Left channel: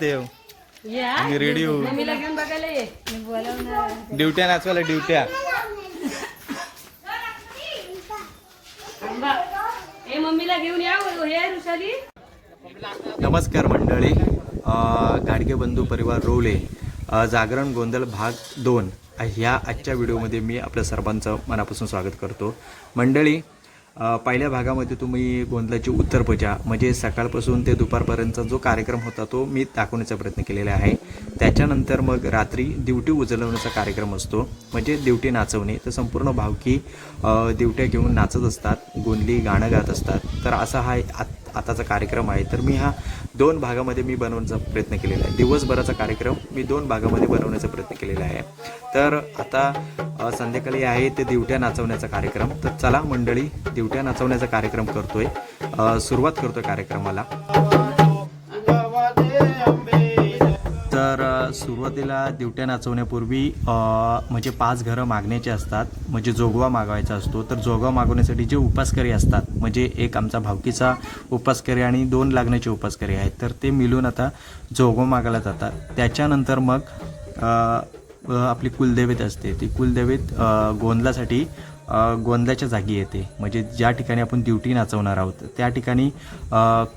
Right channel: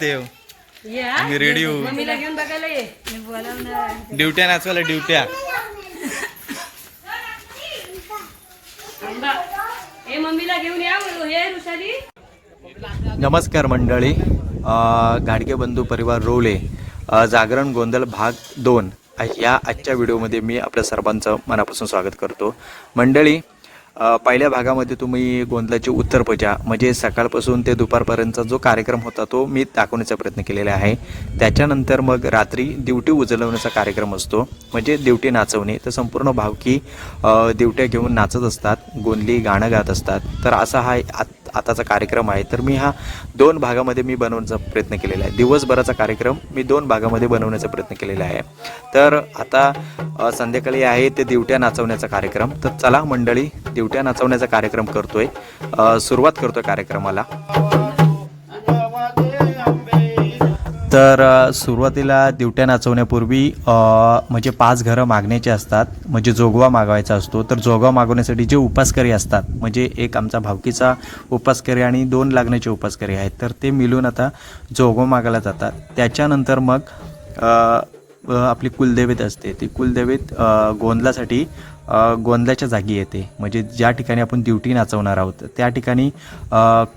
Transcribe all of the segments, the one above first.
जाते हो. या. आम्ही रेडी होऊ मम्मीला घेऊन बघायला ये. मी बोलावणार ड्युट्या नाचवायला ड्युट्या. आंबा मम्मीला घेऊन या रुसाली नमस्कार मंडळी. गाडगे बंधू परिवार रोवले अ, जागरण गोंधळ भाग दोन ह्या आजच्या व्हिडिओमध्ये मी आपल्या सर्वांचं मनापासून स्वागत करतो. मंडळी पहिल्या भागामध्ये तुम्ही गोंधळाची उत्तरपूजा म्हणजे सकाळपासून ते दुपारपर्यंतचा जो कार्यक्रम होता तो मी दाखवण्याचा प्रयत्न केलेला आहे. त्याच्यानंतर मग रात्री दिवटी उजलवण्याचा कार्यक्रम असतो म्हणजे दिवटी नाचवणे. तर संपूर्ण भावकी दिवट्या घेऊन नाचत असतात गोंधळी गाणं गात असतात. तर असा हा आत आताचा कार्यक्रम आहे. तर मी हा दोन भागामध्ये मी बनवण्याचा प्रयत्न केलेला आहे. दिवसभराचा कार्यक्रम मी दोन भागामध्ये बनवण्याचा प्रयत्न केलेला आहे. तर आता संध्याकाळी आहे ते दिवट्या नाचवण्याचा कार्यक्रम. तर चला मंडळी दिवट्या नाचवण्याचा कार्यक्रम करतोय. सुरुवात करतोय कार्यक्रमाला. तर सुरुवातीला दिवट्या नाचवण्यापूर्वी म्हणजे पाच घरं मागण्याची असतात म्हणजे जोगवा मागवायचा असतो. तर जोगवा मागवण्यासाठी जे उपासकरी असतात म्हणजे एक आमचा भावकीचा उपासकरी आणि दोन लागण्याचे उपासकरी आहेत. तर ते मिळून आता जोगवा मागायला जातात. त्याच्यानंतर मग आपली कुलदेवीत असते. ती कुलदेवीत गोंधलासाठी गोंधळाच्या जागी येते. म्हणजे ज्या ठिकाणी आपण ड्युटी नाचवणार आहोत त्या ठिकाणी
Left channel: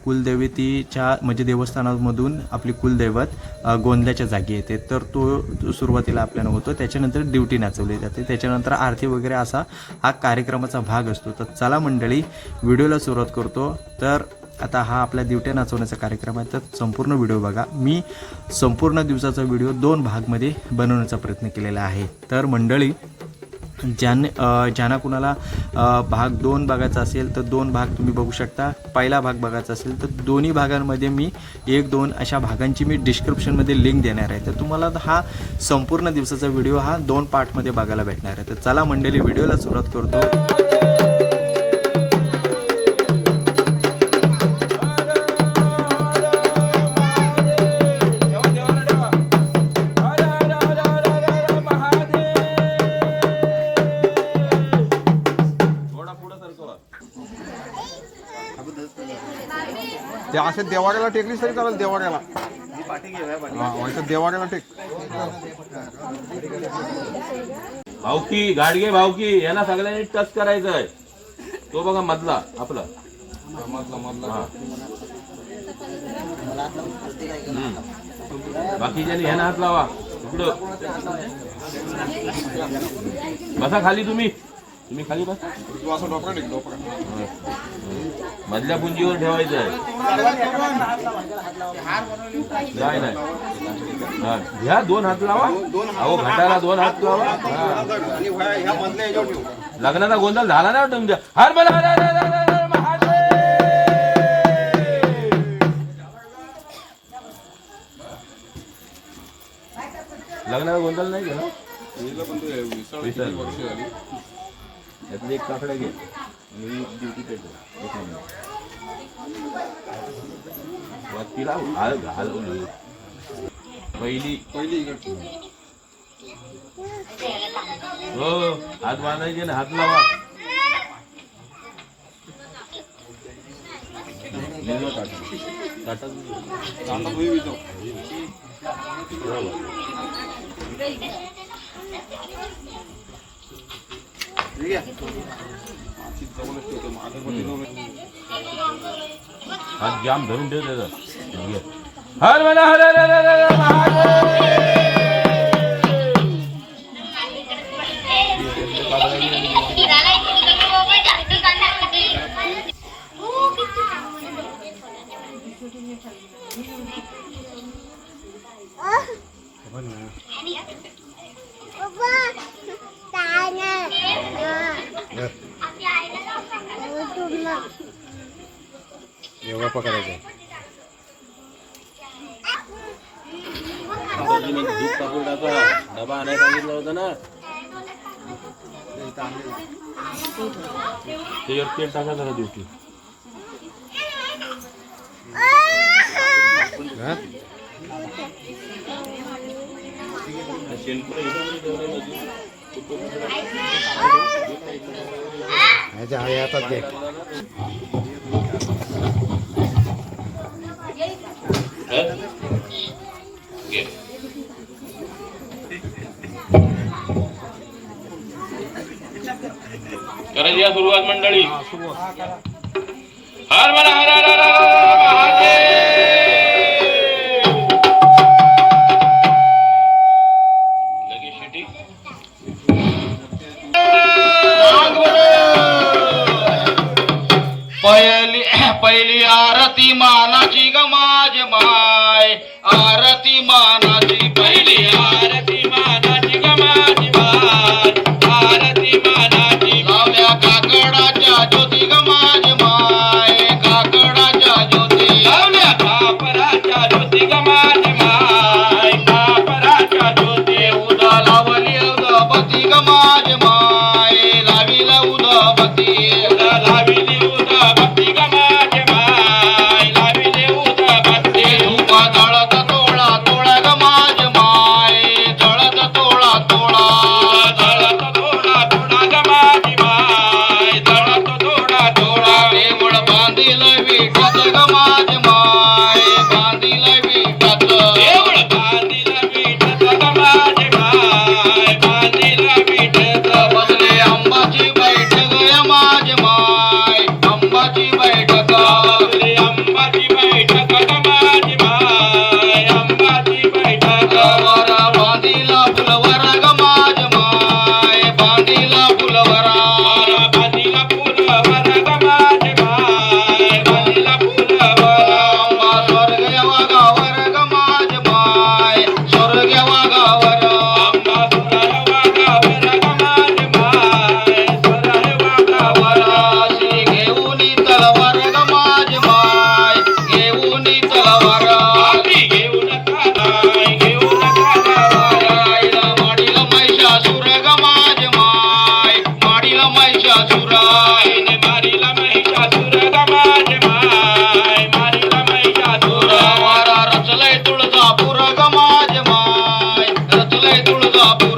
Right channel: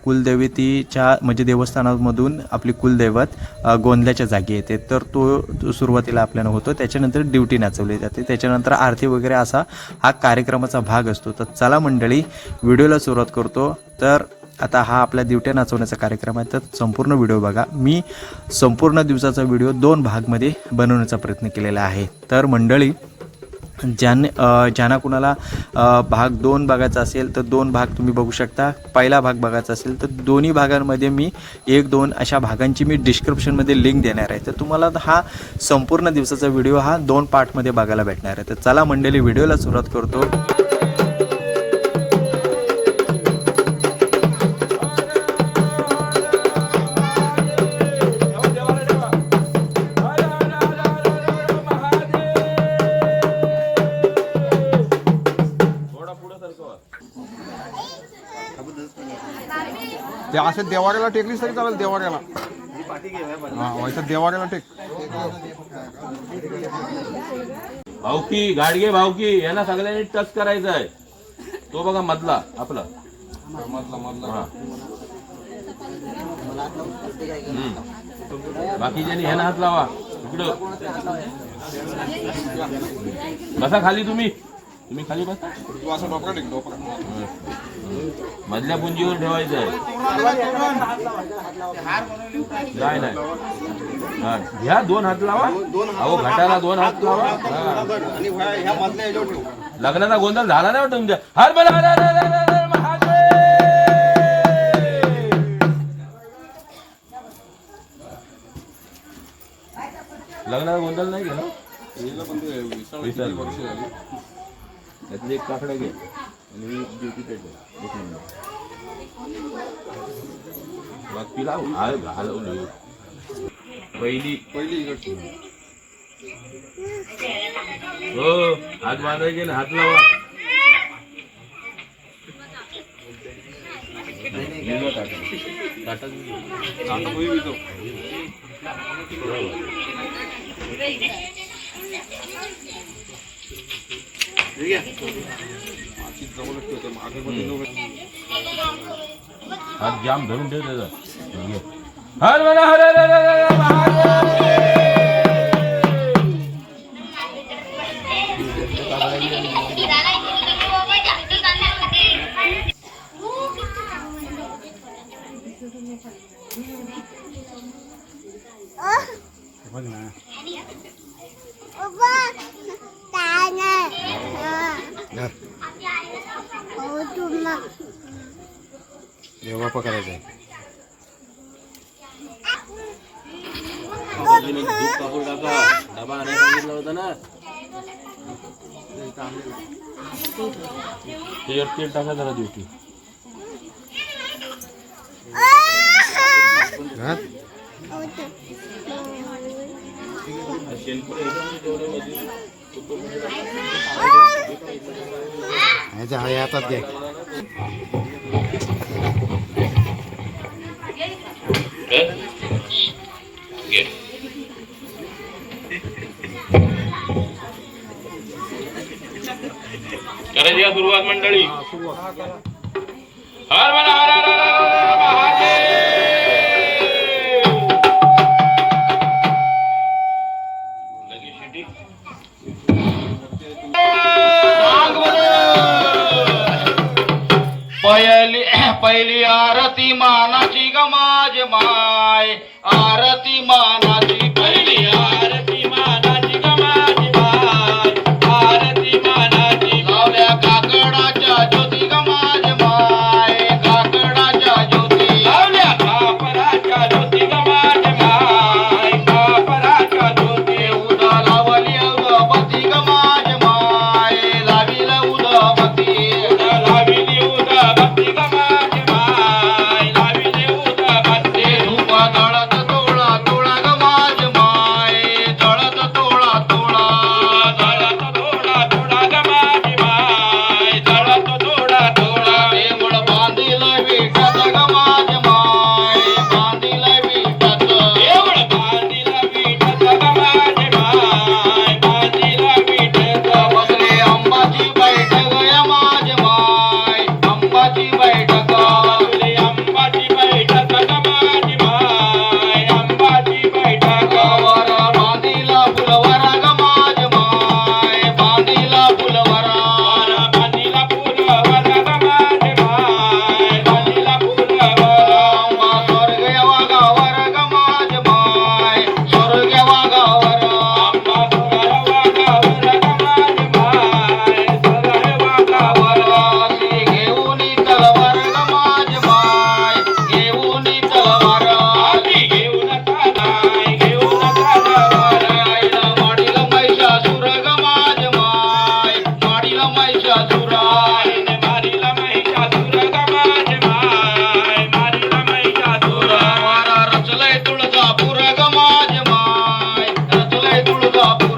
कुलदेवतीच्या म्हणजे देवस्थानामधून आपली कुलदैवत अ, गोंधळाच्या जागी येते. तर तो तो सुरुवातीला आपल्याला होतो. त्याच्यानंतर ड्युटी नाचवली जाते. त्याच्यानंतर आरती वगैरे असा हा कार्यक्रमाचा भाग असतो. तर चला मंडळी व्हिडिओला सुरुवात करतो. तर आता हा आपल्या दिवट्या नाचवण्याचा कार्यक्रम आहे. तर संपूर्ण व्हिडिओ बघा. मी संपूर्ण दिवसाचा व्हिडिओ दोन भागमध्ये बनवण्याचा प्रयत्न केलेला आहे. तर मंडळी ज्याने ज्यांना कुणाला भाग दोन बघायचा असेल तर दोन भाग तुम्ही बघू शकता. पहिला भाग बघायचा असेल तर दोन्ही भागांमध्ये मी एक दोन अशा भागांची मी डिस्क्रिप्शनमध्ये लिंक देणार आहे. तर तुम्हाला हा संपूर्ण दिवसाचा व्हिडिओ हा दोन पार्टमध्ये बघायला भेटणार आहे. तर चला मंडळी व्हिडिओला सुरुवात करतो. असं देवाऱ्याला टेकलीस तरी चालेल देवाऱ्याला. हा इथं देवाऱ्याला टेक भावकी गाडगे भावकी यांना सगळ्यांनी टच करायचंय. तो बघा मधला आपला. मधला मधला बाकीच्यांनी ह्याना हात लावा. इकडं. कसा खाली तुम्ही? तुम्ही खाली बसा. तू असं टेक डोकरा मधल्या पुंजीवर ठेवायचंय नाही नाही. हा, घ्या दोन हात लावा. अहो घाटाला दोन हात लावा. लग्नाचा गोंधळ झाला नाही वाटत तुमच्या. हर महादेव. लग्नाचा गोंधळ नाही गेला पण ते वर्ष झाली त्यातले एक काकडे घे. आणि ड्युटी पेट एक नंबर. लावून घाल घालवून पहिली. पहिली इकडची. हो हात बांधायचे ना हात लावा. भिजवा ताटात. भुई हात जाम धरून ठेव त्याचा. हर म्हणा हर हर हर हर दूध कापून टाका डबा आणायला सांगितलं होतं ना त्याच्यावर तेल टाका जरा ड्युटी काय? घे. करायची सुरुवात मंडळी हर मला हर हर. up.